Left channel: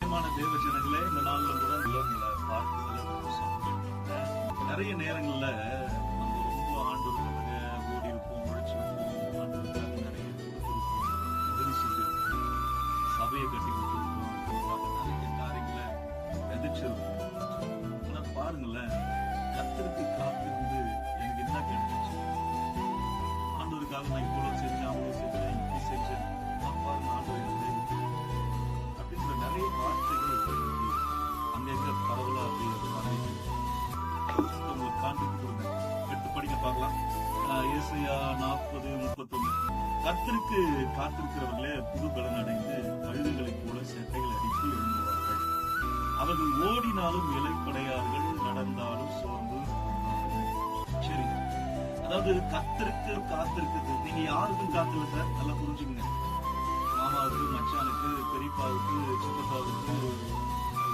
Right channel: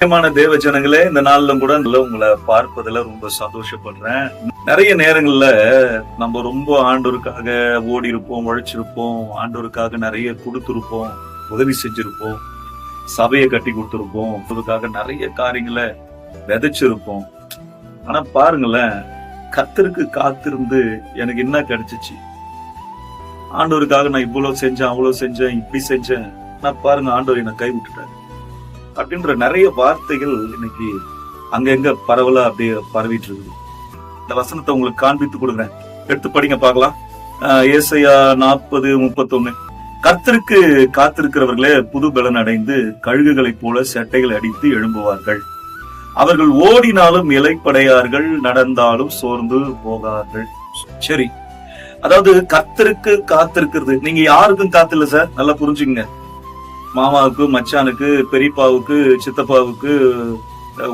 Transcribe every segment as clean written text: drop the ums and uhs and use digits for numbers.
பிரியமான தேவ ஜனங்களே, இந்த நாள்ல கூட உங்களை பார்ப்பதுல ரொம்ப சந்தோஷப்படுறேன். நிறைய நேரங்கள்ல நம்ம ரொம்ப ஆண்டவருக்காக ஓடி இருப்போம், உழைச்சிருப்போம், ஆண்டவருக்காக நிறைய கொடுத்திருப்போம், உதவி செஞ்சிருப்போம், சபையை கட்டி கொடுத்திருப்போம், அதுக்காக நிறைய காரியங்களை விதைச்சிருப்போம். ஆனா பாருங்களேன், கர்த்தருக்கு காத்திருந்து எனக்கு என்ன கிடைச்சிச்சு? ஆண்டவருக்காக நான் இவ்வளவு செஞ்சேன், அவ்வளவு செஞ்சேன், இப்படி செஞ்சேன். நான் பாருங்க, ஆண்டவர் என்னை கைவிட்டுட்டேன் அப்படின்ற நிறைய வார்த்தைகள் இன்னைக்கு அங்கங்க பரவலா அப்படியே பரவிட்டு இருக்கு. இந்த வசனத்தை உங்களுக்கு காண்பித்து கொடுக்குறேன், எடுத்து படிங்க பார்க்கலாம். ஏசாயா 40:31. கர்த்தருக்கு காத்திருக்கிறவர்களே புது பலன் அடைந்து கழுகுகளைப் போல செட்டைகள் அடித்து எழும்புவார்கள். அவர்கள் ஓடினாலும் இலைப்படையார்கள், நடந்தாலும் சோர்ந்து போகார்கள். சரி, அதாவது கர்த்தருக்கு காத்திருக்கிறது. நீங்க யாருக்கும் காத்தில்ல சார், நல்லா புரிஞ்சுங்க. மாமாவுக்கு, மச்சானுக்கு, பெரியப்பாவுக்கு, சித்தப்பாவுக்கு,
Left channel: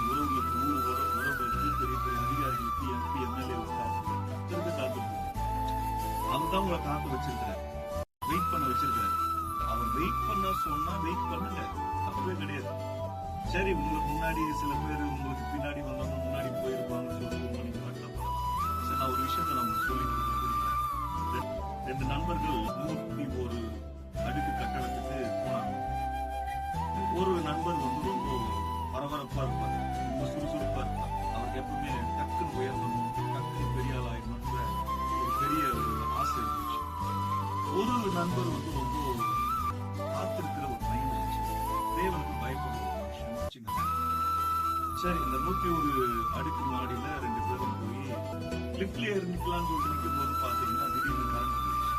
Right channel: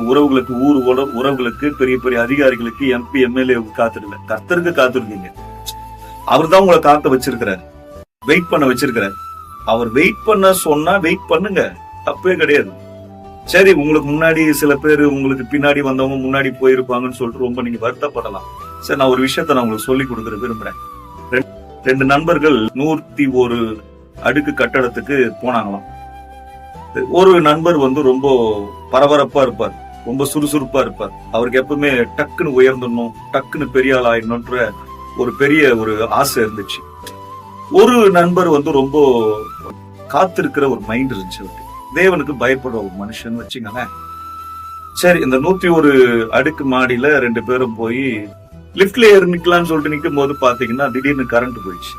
உறவுகளுக்கு, உறவுகளுக்கு, பெரிய பெரிய அதிகாரிகளுக்கு, எம்பி, எம்எல்ஏவுக்கு காத்திருக்கல. கர்த்தருக்கு காத்திருக்கீங்க. அவர் தான் உங்களை காத்த வச்சிருக்கிறார், வெயிட் பண்ண வச்சிருக்கிறார். அவர் வெயிட் பண்ண சொன்னா வெயிட் பண்ணுங்க, தப்பே கிடையாது. சரி, உங்களுக்கு முன்னாடி சில பேர், உங்களுக்கு பின்னாடி வந்தவங்க முன்னாடி போயிருப்பாங்கன்னு சொல்லிட்டு ரொம்ப நீங்க வருத்தப்படலாம். சரி, நான் ஒரு விஷயத்த நான் உங்களுக்கு சொல்லி கொடுக்குற விரும்புறேன். ரெண்டு நண்பர்கள் 101 அடுக்கு கட்டடத்துக்கு போனாங்களாம். ஒரு நண்பர் ரொம்ப பரபரப்பா இருப்பார், ரொம்ப சுறுசுறுப்பா இருப்பார். அவருக்கு எப்பவுமே டக்குன்னு உயர்ந்துடணும், டக்குன்னு பெரிய ஆள் ஆயிடணும்ன்ற ஒரு பெரிய ஆசை இருந்துச்சு. ஒரு நண்பர் ரொம்ப காத்திருக்கிற ஒரு மைண்ட் இருந்துச்சு. தேவனுக்கு பயப்படுற ஒரு மனுஷன் வச்சுங்களேன். சரி, இந்த 101 அடுக்கு மாடியில 2 பேரும் போய் லிப்ட்ல ஏறி நிக்கலாம்னு சொல்லிட்டு நிக்கும் போது பாத்தீங்கன்னா திடீர்னு கரண்ட் போயிடுச்சு.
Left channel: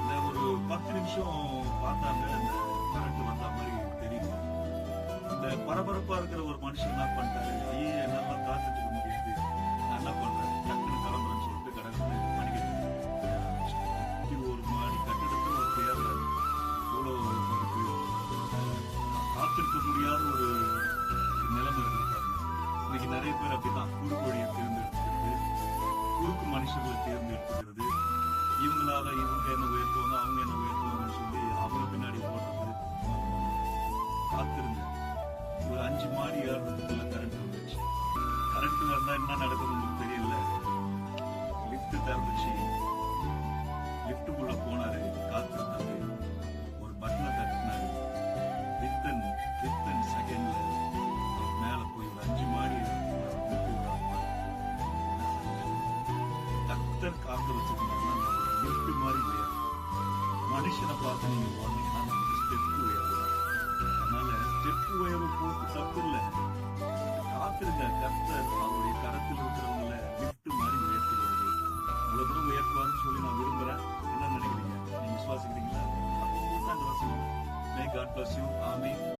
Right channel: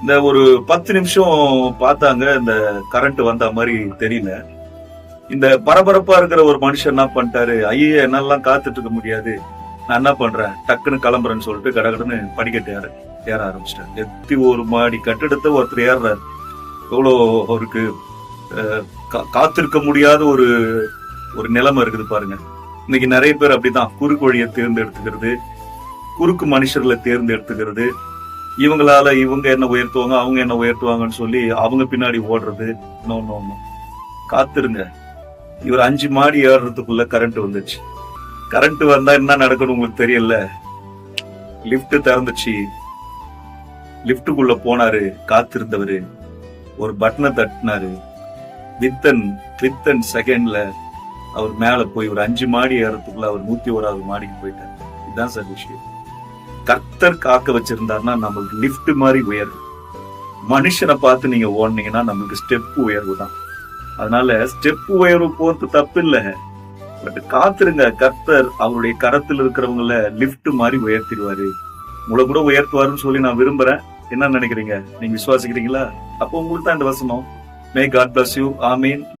இந்த ஒரு 10 நிமிஷம் பார்த்தாங்க, இந்த கரண்ட் வந்த மாதிரி தெரியல. இந்த பரபரப்பா இருக்கிற ஒரு மனுஷன் என்ன பண்ணிட்டாரு, ஐயே என்னெல்லாம் காத்துட்டு இருக்க முடியாது, நான் என்ன பண்றேன், டக்குன்னு கிளம்புறேன்னு சொல்லிட்டு கடகடன்னு படிக்கட்டு ஏற ஆரம்பிச்சிட்டாரு. 101 மாடி கட்டிடத்தை ஒருத்தர் ஏறுறாரு. எவ்வளோ அவருக்கு காத்திருக்க முடியாத ஒரு நிலைமை இருக்குது பாருங்க. இன்னைக்கு நிறைய பேர் அப்படிதான் குறுக்கு வழியை தேர்ந்தெடுத்துக்கிறது, குறுக்கு மனுஷர்களை தேர்ந்தெடுத்துக்கிறது. இவங்களால இவங்க என்ன உயர்த்துவாங்க, அவங்க என்ன உயர்த்துவாங்கன்னு சொல்லி அவங்க பின்னாடி ஓடுறது. காத்திருங்க. இவர் 5 மாடி ஏறுறதுக்குள்ள கரண்ட் வந்துச்சு. கரண்ட் வந்தா என்ன நடக்கணும் உங்களுக்கு தெரியல. லிப்ட் திறந்துச்சு, லிப்டுக்குள்ள போனாரு. காத்திருந்தவரு ஒரு பட்டனை தட்டினாரு. வித்தன் செகண்ட்ல அவர் மேல போய் ஒரு 5 மாடி ஏறதுக்குள்ள அவர் 101வது மாடிக்கு போயிட்டாரு. இதுதான் சார் விஷயம். கர்த்தர் காக்க வச்சிருந்தாருன்னா நம்மளுக்கு லிப்ட் மாதிரி உயர்வு. மனுஷனை பார்த்து நீங்க ஓடுனீங்கன்னா நம்மளுக்கு ஸ்டெப் உயர்வு தான். அதனால ஸ்டெப் உயர்வு போறது தப்பு இல்ல, பட் காத்துருங்க. கர்த்தர் அவருடைய கரத்தில் இருக்கிறவங்கள லிப்ட் மாதிரி உயர்த்திடுவாரு, உங்களை கூட உயர்த்துவாருன்னு சொல்லி நான் விரும்புறேன். என்ன நினைக்கிறீங்க? நீங்க விசுவாசிக்கிறீங்களா? அப்போ உங்களுக்கு தான் இந்த வசனம். May God bless you. ஆமீன்.